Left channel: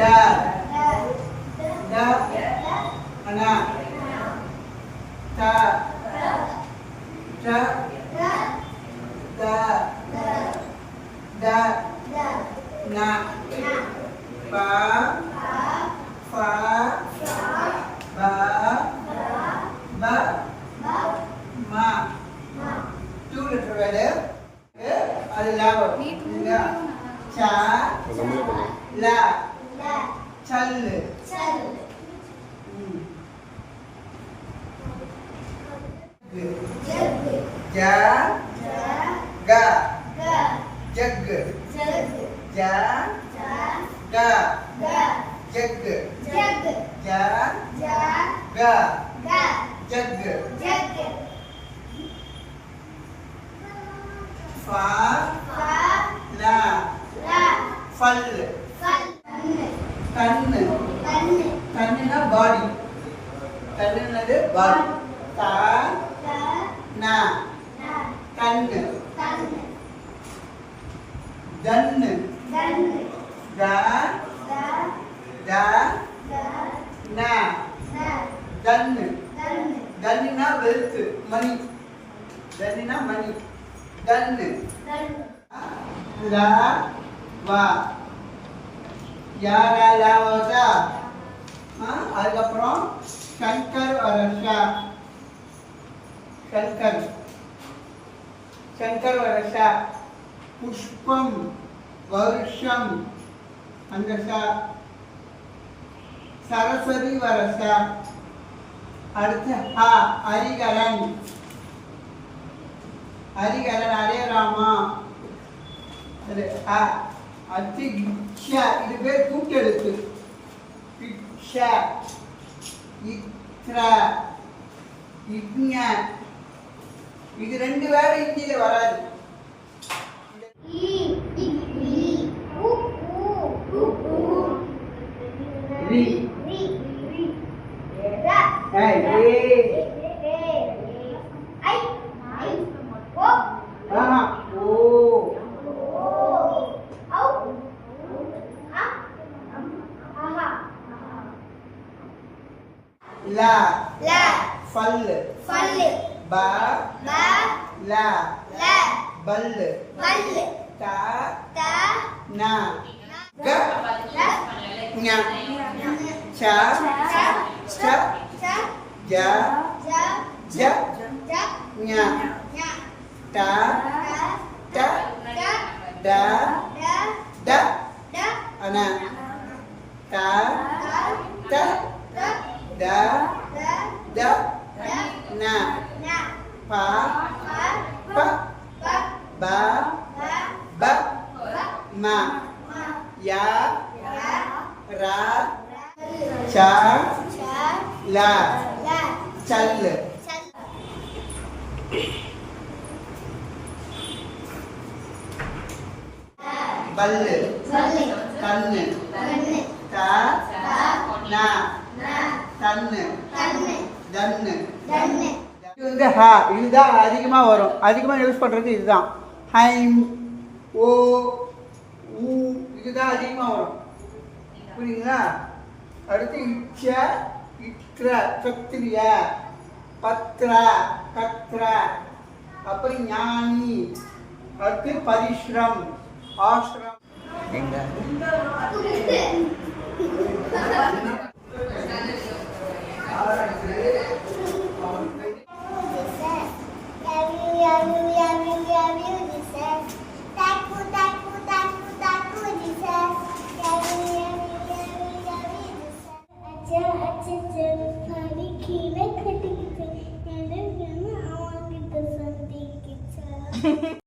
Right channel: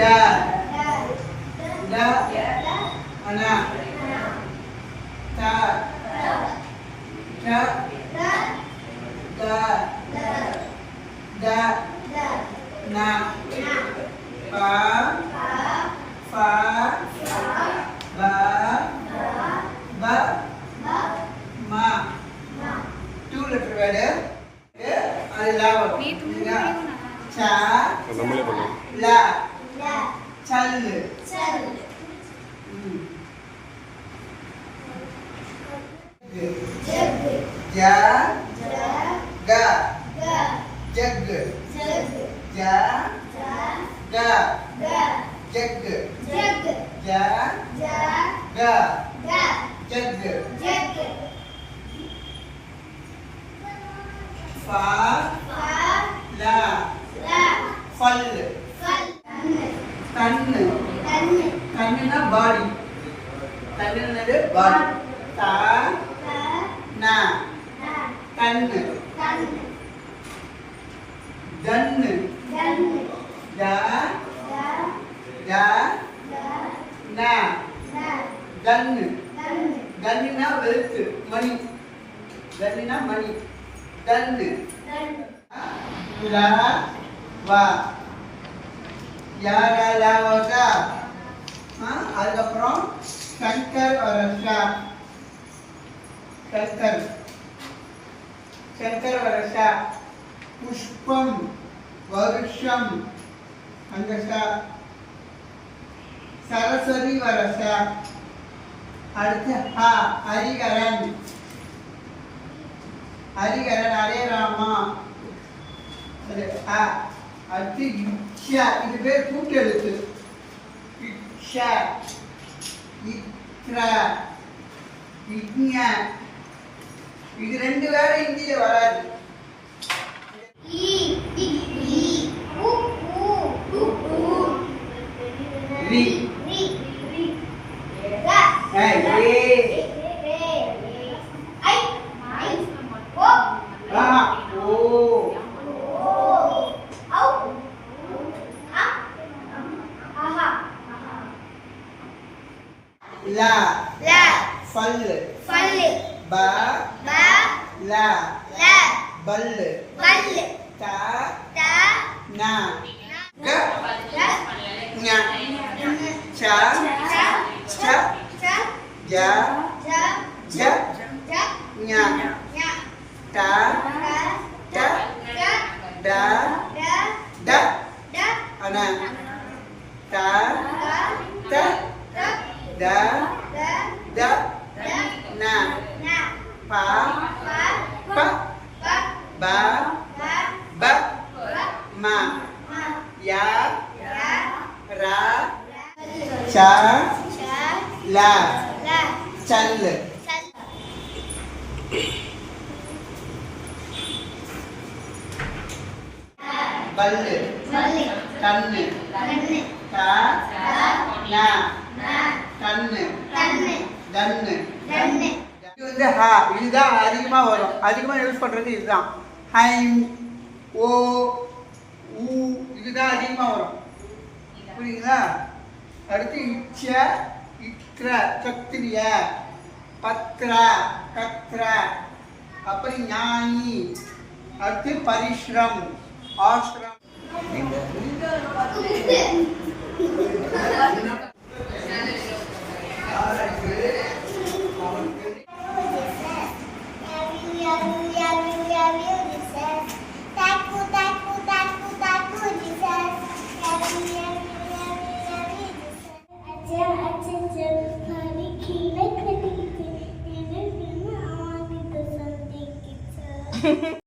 da da ana ta ta da da na pa fa ba ba ma. Two letter word அது லா வரும். சா நம்மளே பண்ணோம். லா சல் ஜா கா ஜக் ஜா கா ஜக் ஜா கா ஜக் ஃபா லா ஃபல் தன்னு தன்னுனா பாடி தன்னுனது பாடி தா நா தன்னு தன்னு தா தா நா தன்னு தன்னுனா வெல்த் மணி தன்னுனா மணி தன்னு லா வா யாரா லா வா அதுக்கப்புறம் சங்கர் வரஷா சங்கர் சங்கர் வரஷா புஷ்பம் வருஷம் அந்த ஷா சரஸ்வதி வரஷா அடுத்து ஹா ஹரிகரன் ஹரிகரன் ஹரே ராமா அது ஹா அடுத்து இக்ஷா இது பேர் கூட்டெழுத்து இக்ஷா இக்ரா இக்ஞா இது ரெண்டு வேற இந்தியில வராது. ரி லா ஃபல் பா லா பல் தா நா க ஞா சா ச ஜா ஜ ஞா தா த டா ட அனா தா த da da na pa pa ba ba ma ya ra cha la chal bal tannu ta na தன்னு தன்னு இது வந்து ஹா இதுதான் அதிகமாக வரும். அதிகமாக யூஸ் பண்ணுறது இதுதான். ஹைம் ஓ ஊ இதுதான் அதிகமாக வரும். புரியுங்களா? அடுத்து இச்ச இக்ர சத்திரியா பத்ரா கத்ரா அப்புறம் ஞானி அடுத்து பரிஷ்ரம் ஆஷ்ரம். Hehehe